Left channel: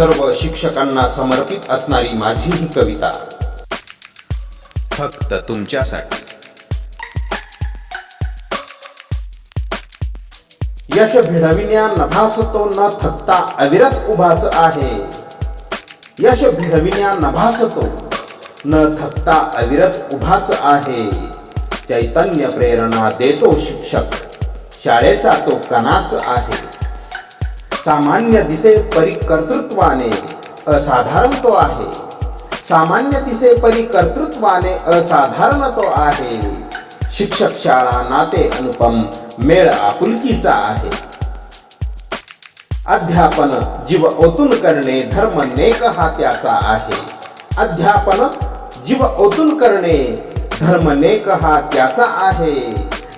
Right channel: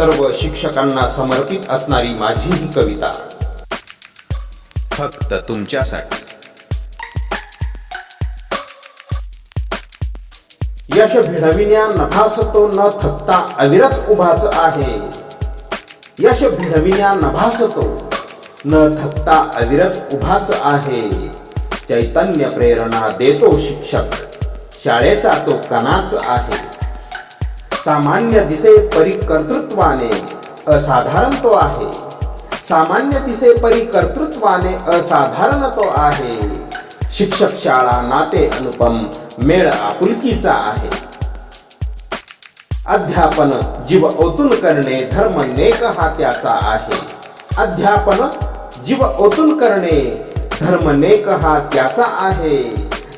सर्व शिक्षकांना समर्पित असणारी माझी ही कविता फक्त तुमच्यासाठी। यश भिडविण्या नभास तो न थकता अविरत उभाच आहे। यश भिडविण्या नभास तो न थकता अविरत उभाच आहे। चैतन्य प्रेरणा देतो शिक्षक, शाळेचा तो कणाच आहे। सामान्य दिसे परी कर्तृत्वाने असाधारण तो आहे। सामान्य दिसे परी कर्तृत्वाने असाधारण तो आहे। शिक्षक शाळा नाते अनुपम, मेळ आपुलकीचा आहे। अध्यापन जीव ओतून करणे, धर्म नेक हा त्याचा आहे। अध्यापन जीव ओतून करणे, धर्म नेक हा त्याचा आहे।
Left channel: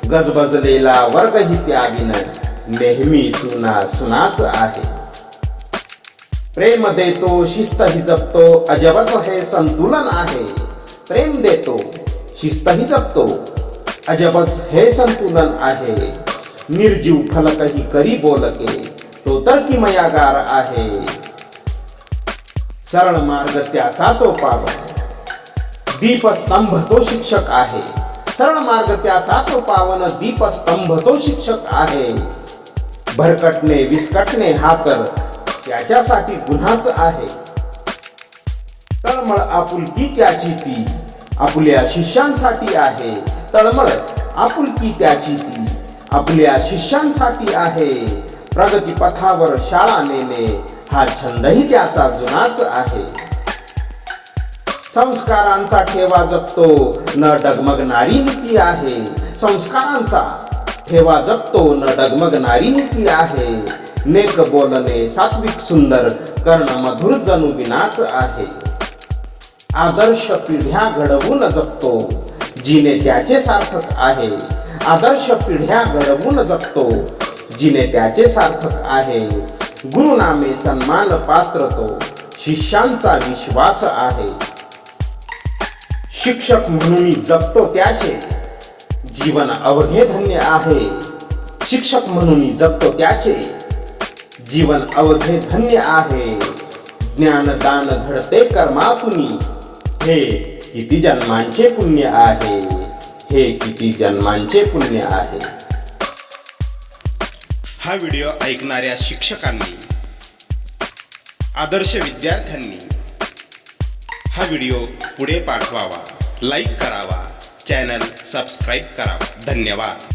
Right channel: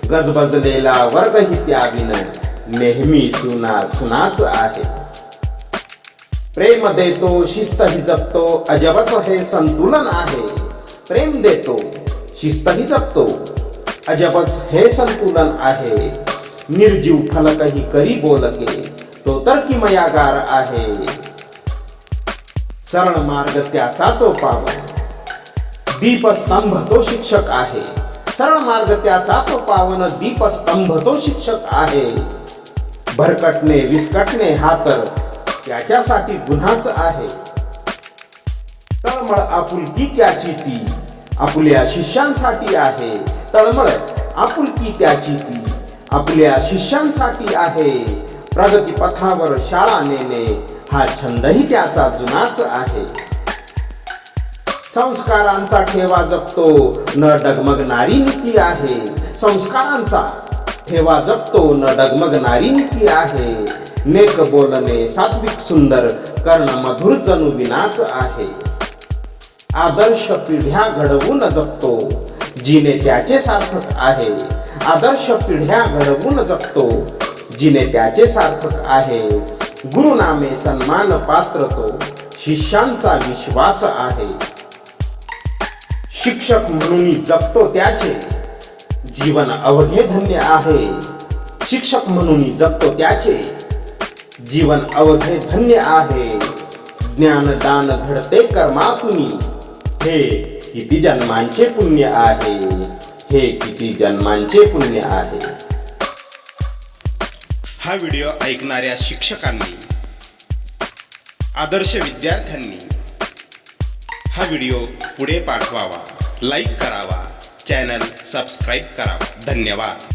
गजबजलेला वर्गही त्याविन नेहमी सुना सुनाच आहे। प्रेम देतो शिस्तही जपतो, अजबच हे संतुलन आहे। प्रेम देतो शिस्तही जपतो, अजबच हे संतुलन आहे। निर्जीव फलकही करी बोलके, तो तर किमयागार आहे। सरळ मार्ग त्याचा तो पावन, दीपस्तंभ तो शिक्षक आहे। सरळ मार्ग त्याचा तो पावन, दीपस्तंभ तो शिक्षक आहे। भरकटणे विस्कटणे हा तर त्याच्यासाठी गुन्हाच आहे। तळमळ आपुलकी त्याची ती आपल्या शिष्यांसाठी आहे। तळमळ आपुलकी त्याची ती आपल्या शिष्यांसाठी आहे। प्रगती पथावर शाळा नेणे हा छंदही त्याचा जुनाच आहे। संस्कारांचा ठेवा जपतो न डगमगणारी नीती आहे। संस्कारांचा ठेवा जपतो न डगमगणारी नीती आहे। नेक बोलणे सात्विक सुंदर, कर्ण मधुर जणू विनाच आहे। आदर्श पिढ्या घडवून जगतो, जिने त्याचे सार्थक आहे। आदर्श पिढ्या घडवून जगतो, जिने त्याचे सार्थक आहे। गुरुनामे सन्मान पात्र तो, शिष्यांचा विश्वास आहे। शिक्षक म्हणून जगतो त्याचे जीवन अवघे धन्य आहे। शिक्षक म्हणून जगतो त्याचे जीवन अवघे धन्य आहे। ज्ञानदान घडते कर्मातुनी, हे किती जन्मांचे पुण्य आहे। हे किती जन्मांचे पुण्य आहे। हा व्हिडिओ ऐकणाऱ्या शिक्षकांनी, आदर्श विद्यार्थ्यांनी हा व्हिडिओ पुढे पाठवावा, लाईक करावा, चॅनल सबस्क्राईब करावा। धन्यवाद।